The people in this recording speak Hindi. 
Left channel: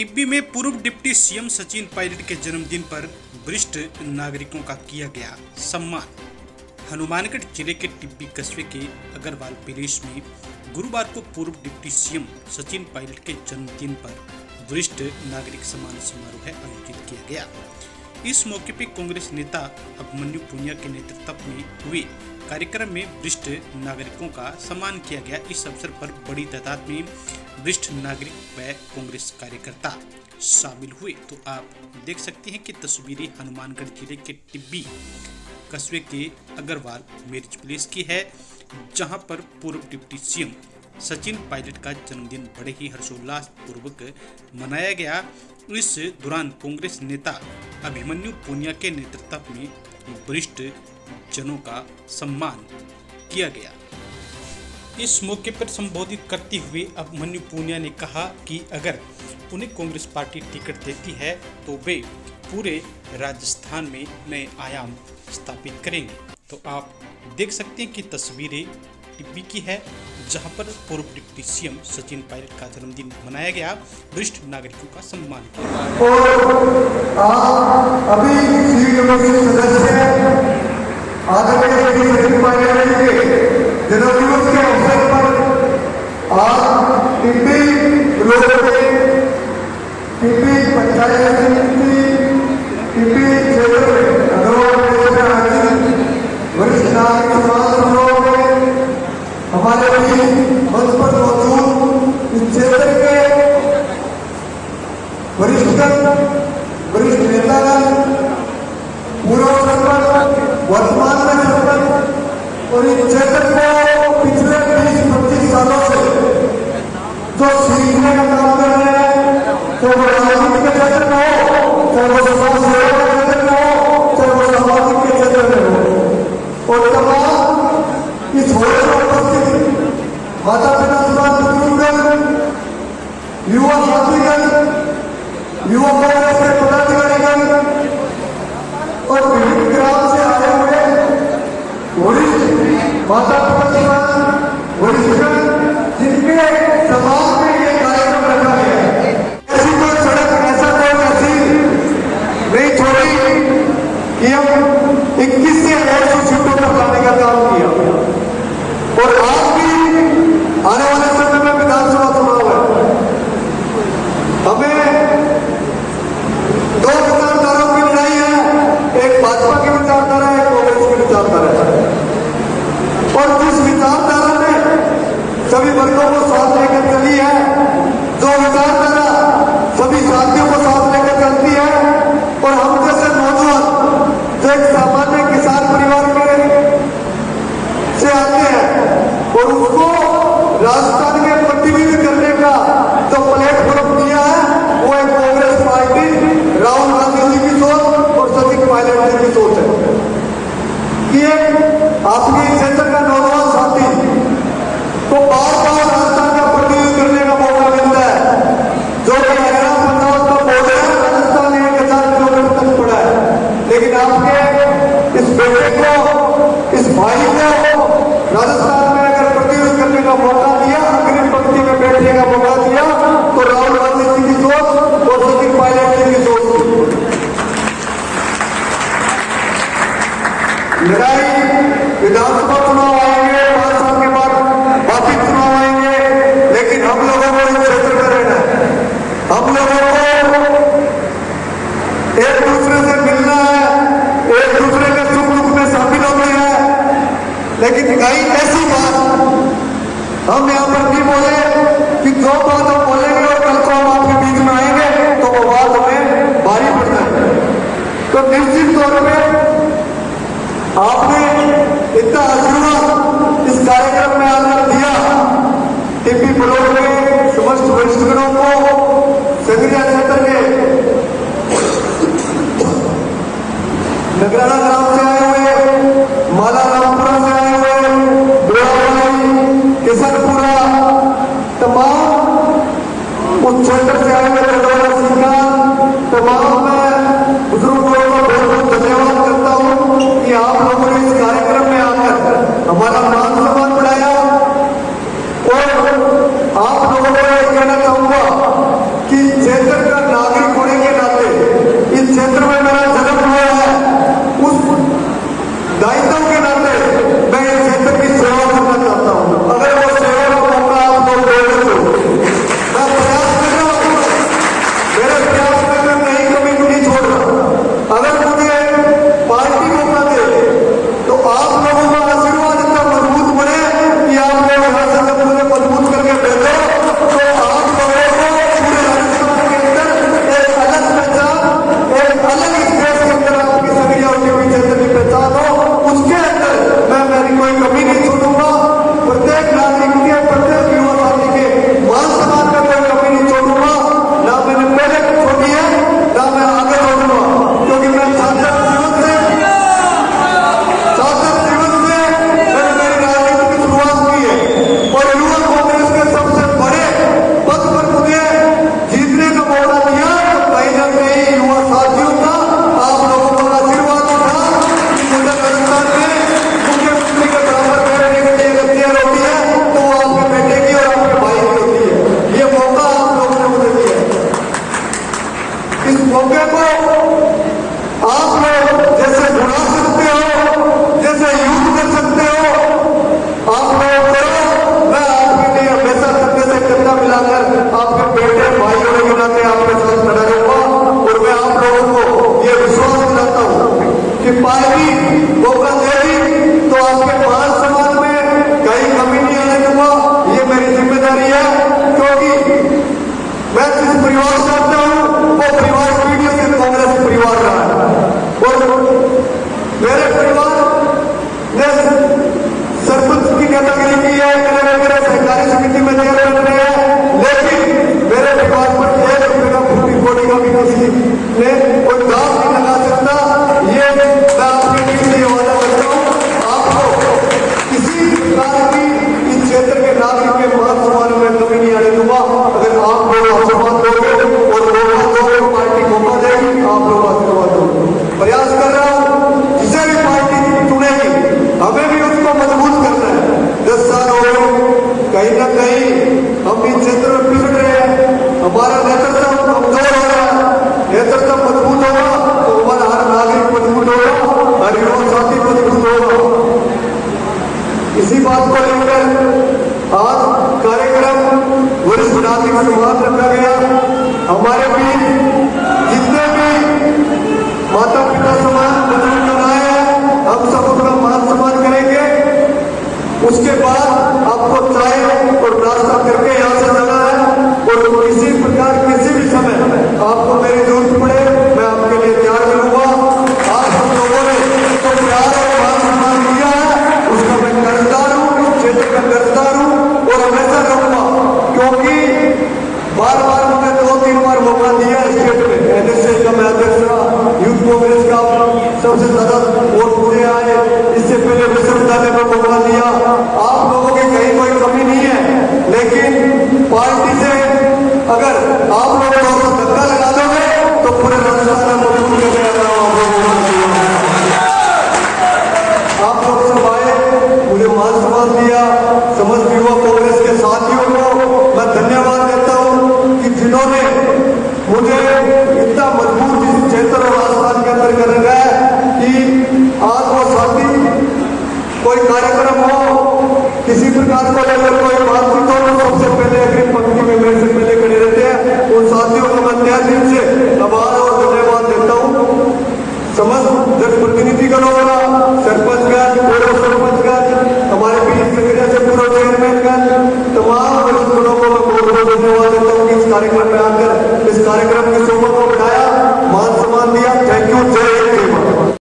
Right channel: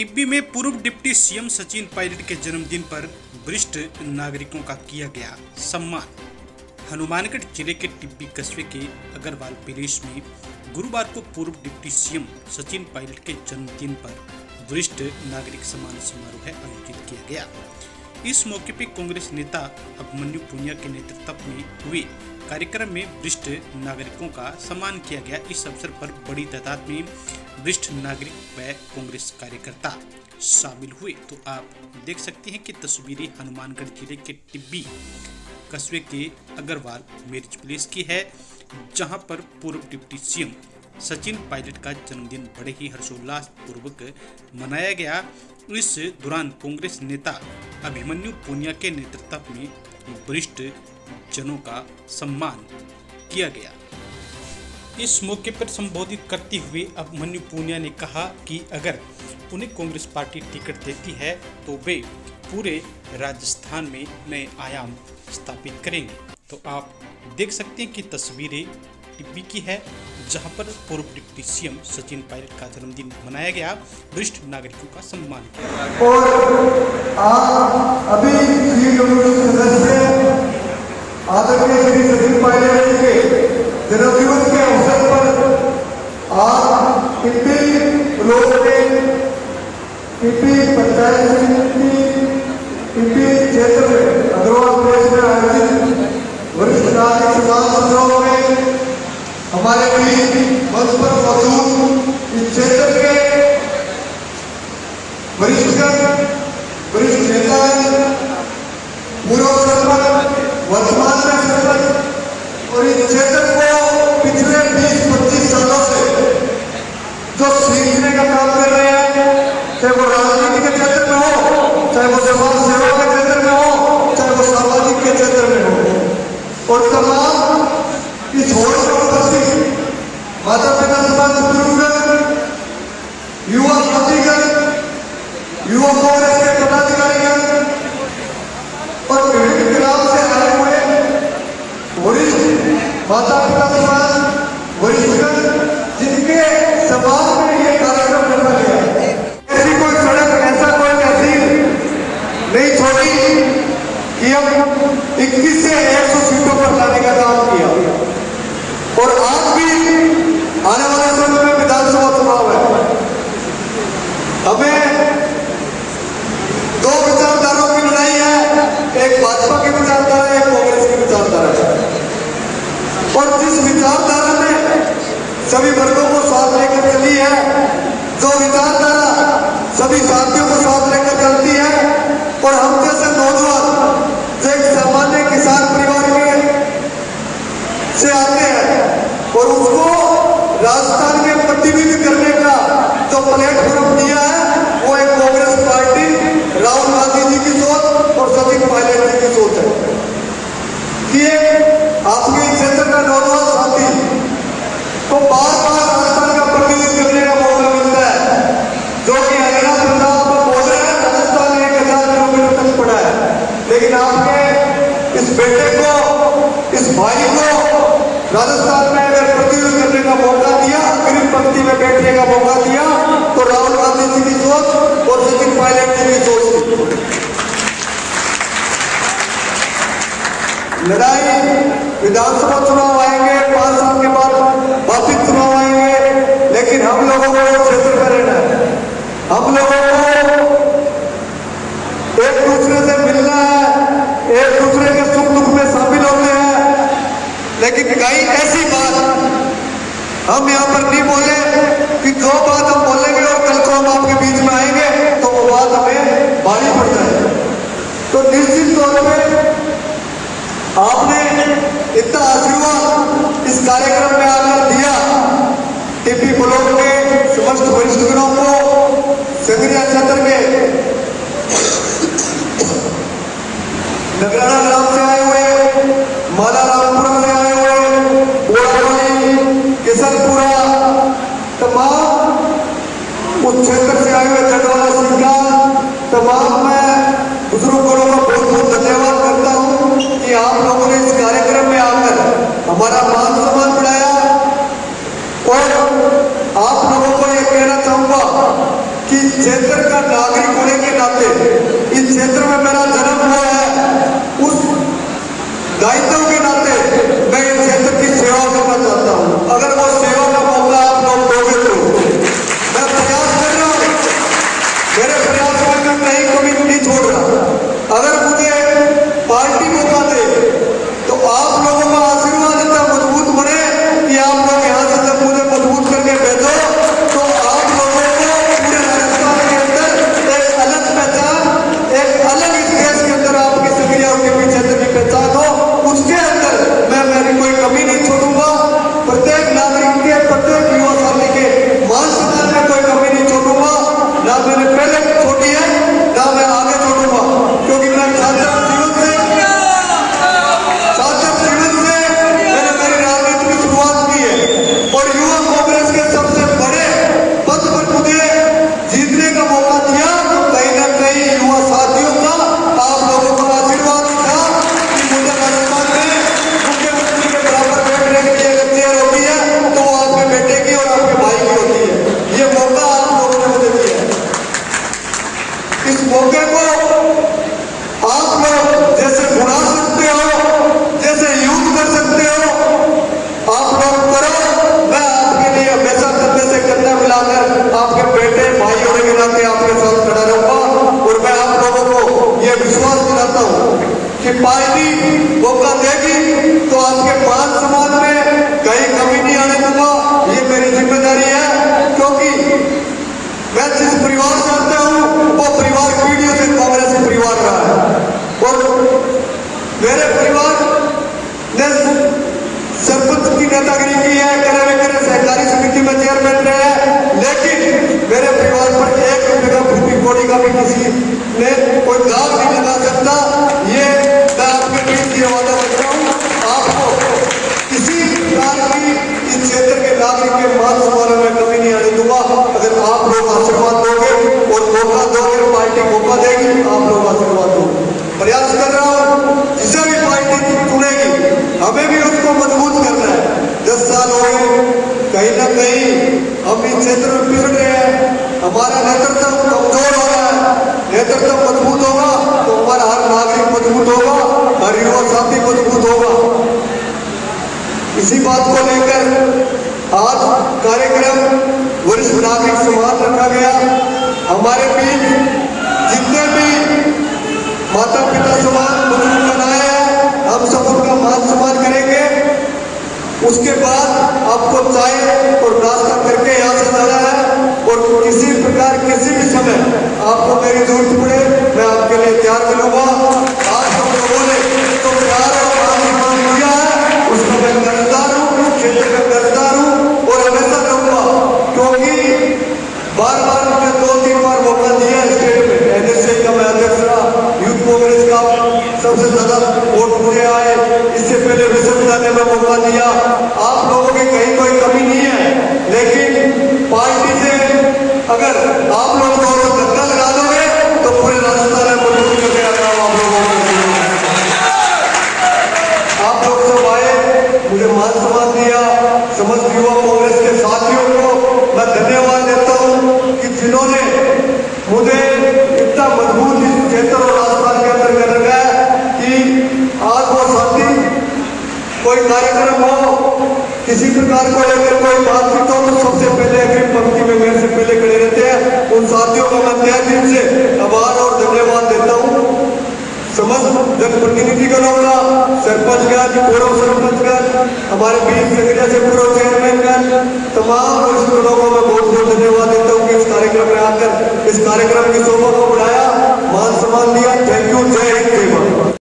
टिब्बी में पूर्व डिप्टी सीएम सचिन पायलट के जन्मदिन पर वरिष्ठ नागरिकों का किया गया सम्मान। हनुमानगढ़ जिले के टिब्बी कस्बे के अग्रवाल पैलेस में गुरुवार को पूर्व डिप्टी सीएम सचिन पायलट के जन्मदिन पर वरिष्ठ नागरिक सम्मान समारोह आयोजित किया गया। इस मौके पर कांग्रेस नेता अभिमन्यु पुनिया के नेतृत्व में हुए कार्यक्रम में वरिष्ठ नागरिकों का सम्मान किया गया। इस अवसर पर बड़ी तादाद में वरिष्ठ नागरिक व कांग्रेस कार्यकर्ता शामिल हुए। तो आप देख सकते हैं कि तस्वीरें हनुमानगढ़ जिले के टिब्बी कस्बे के अग्रवाल मैरिज प्लेस की है, जहां पर पूर्व डिप्टी सीएम सचिन पायलट का जन्मदिन बड़े ही हर्षोल्लास पूर्वक मनाया गया। इस दौरान कांग्रेस नेता अभिमन्यु पुनिया के नेतृत्व में वरिष्ठ जनों का सम्मान किया गया। इस मौके पर संबोधित करते हुए अभिमन्यु पुनिया ने कहा कि अगर उन्हें कांग्रेस पार्टी टिकट देती है तो वे पूरे राजस्थान में नए आयाम स्थापित करेंगे। तो आप देख सकते हैं कि तस्वीरें टिब्बी की है, जहां पर पूर्व डिप्टी सीएम सचिन पायलट का जन्मदिन मनाया गया, वरिष्ठ नागरिकों का सम्मान किया जन्मदिवस के अवसर पर आज टिब्बी पंचायत समिति टिब्बी क्षेत्र में अग्रवाल पैलेस में आयोजित वरिष्ठ नागरिक सम्मान समारोह में हमारे बीच मंच पर मौजूद इस क्षेत्र के वरिष्ठ नेता, पूर्व सरपंच, वर्तमान में सरपंच और इस क्षेत्र को पिछले 20-25 सालों से जो सीखने का काम कर रहे हैं, चाहे वो राजनीति के क्षेत्र में हो, चाहे वो समाज सेवा के क्षेत्र में हो, चाहे वो सामाजिक के क्षेत्र में हो, और तमाम इस होने माता पिता बुजुर्ग, युवा साथीगण, युवा कांग्रेस के पदाधिकारीगण और विभिन्न ग्राम से आए हुए वरिष्ठ माता पिता वरिष्ठ जिनके समाज में ये कार्यक्रम रखा गया है। ऐसी कोई सड़क, ऐसा कोई तहसील नहीं छोड़ी कि हम 21 से 100 सीटों पर लाने का काम किया। और आज भी आने वाले समय में विधानसभा चुनाव है, हमें 2 विचारधाराओं की लड़ाई है, एक भाजपा की विचारधारा है, एक कांग्रेस की विचारधारा है। और जिस विचारधारा ने सभी वर्गों को साथ लेकर चली है, जो विचारधारा सभी साथियों को साथ लेकर चलती है, और हम जैसे नौजवान जो एक सामान्य किसान परिवार के से आते हैं और उसको राजस्थान के प्रतिनिधित्व करने का जो प्लेटफॉर्म दिया है, वो एक कांग्रेस पार्टी, राहुल गांधी जी की सोच और सचिन पायलट जी की सोच है कि एक आपके क्षेत्र का नौजवान साथी को बार-बार राजस्थान का प्रतिनिधित्व करने का मौका मिलता है, जो कि हरियाणा पंजाब का बॉर्डर है, राजस्थान 1000 किलोमीटर तक पड़ा है। लेकिन आपके इस बेटे को, इस भाई को राजस्थान में अगर प्रतिनिधित्व करने का मौका दिया, अग्रिम पंक्ति में बैठने का मौका दिया, तो राहुल गांधी जी की सोच और सचिन पायलट जी की सोच लड़ाई। विधानसभा चुनाव आएंगे, 5 साल के बाद बाकी चुनाव आएंगे, लेकिन हम लोगों को इस क्षेत्र में रहना है। हम लोगों को एक दूसरे से मिलना है, एक दूसरे के सुख दुख में शामिल होते हैं। लेकिन कहीं ऐसी बात हम यहाँ पर नहीं बोले कि जो बात हम बोलेंगे और कल को हम आपके बीच में आएंगे तो वो बात हमें भारी पड़ जाएगी। तो निश्चित तौर पे आपने इतना आशीर्वाद इस कार्यक्रम में आकर दिया, टिब्बी ब्लॉक में समस्त वरिष्ठगणों को, संगरिया क्षेत्र के नगराना ग्राम से आए हुए, माला रामपुरा से आए हुए, ब्लॉक किसनपुरा, तमाम मैं जिस परिवार से आता हूं वो परिवार पीढ़ियों से कांग्रेस परिवार रहा है और मेरे परिवार ने सरपंच की नेतागिरी की है, करे सहकारी समिति में चेयरमैन रहे हैं, लेकिन मेरे परिवार पर एक रुपये का भूमि कोड़ी का भी किसी ने कोई दाग नहीं लगा सकता। ये मैं आपके बीच ये वादा करता हूँ। आपको किसी प्रकार की इस क्षेत्र के नागरिक के मान सम्मान में कमी नहीं आने दूंगा। अगर आप लोग आशीर्वाद दोगे और मौका दोगे, पार्टी मौका देगी, आप लोग आशीर्वाद दोगे। प्रयास कर रहा हूँ जिसे भी पार्टी चुनेगी हमें भी उसको मजबूत करना है। 10 साल हो गए, कहीं ना कहीं हम इस क्षेत्र में पिछड़ रहे हैं, हमारा नेतृत्व कमजोर हो रहा है। नेतृत्व मजबूत होगा तो हमारा हर नागरिक मजबूत होगा, हर युवा साथी मजबूत होगा। इसी बात को लेकर आज कार्यक्रम वरिष्ठ नागरिक संवाद रखा गया। हमारे बीच जितने भी माता पिता समान बुजुर्ग आए हैं, हम सब उनका मान सम्मान करेंगे। उसके बाद आपको चाय और नाश्ता करके यहाँ से जाना है और किसी प्रकार किसी भी समय आपको मेरी जरूरत पड़े मैं आपके लिए तैयार मिलूंगा। आज हम लोगों ने जो प्यार और मान सम्मान दिया है उसको मैं कर्जदार हूँ, इस क्षेत्र का कर्जदार हूँ और हमेशा रहूंगा, क्योंकि बार बार मुझे 2-3 बार मौका दिया स्टेट में। एनएसए का मैं अध्यक्ष रहा, यूथ कांग्रेस का सबसे ज्यादा वोट मुझे आए, इससे पहले विश्वविद्यालय में मौका दिया। आप लोगों की कहीं कोई कमी नहीं है, लेकिन पार्टी से अगर आप लोग धक्का लगा दोगे तो पूरे राजस्थान में आप लोग सब आए, मुझे मान सम्मान दिया। समस्त युवा कांग्रेस के साथियों को मैं धन्यवाद देता हूँ कि जिन्होंने मुझे इतना मजबूत इस क्षेत्र और राजस्थान के अंदर कर रखा है कि आज वो साथी कोई कार्यक्रम हो, किसी प्रकार को लेकर कोई बातचीत हो, सबसे पहले अग्रिम पंक्ति में मेरे से पहले खड़े रहते हैं। उन साथियों का मैं तहे दिल से आभार और धन्यवाद देता हूँ। समस्त जनप्रतिनिधिगणों का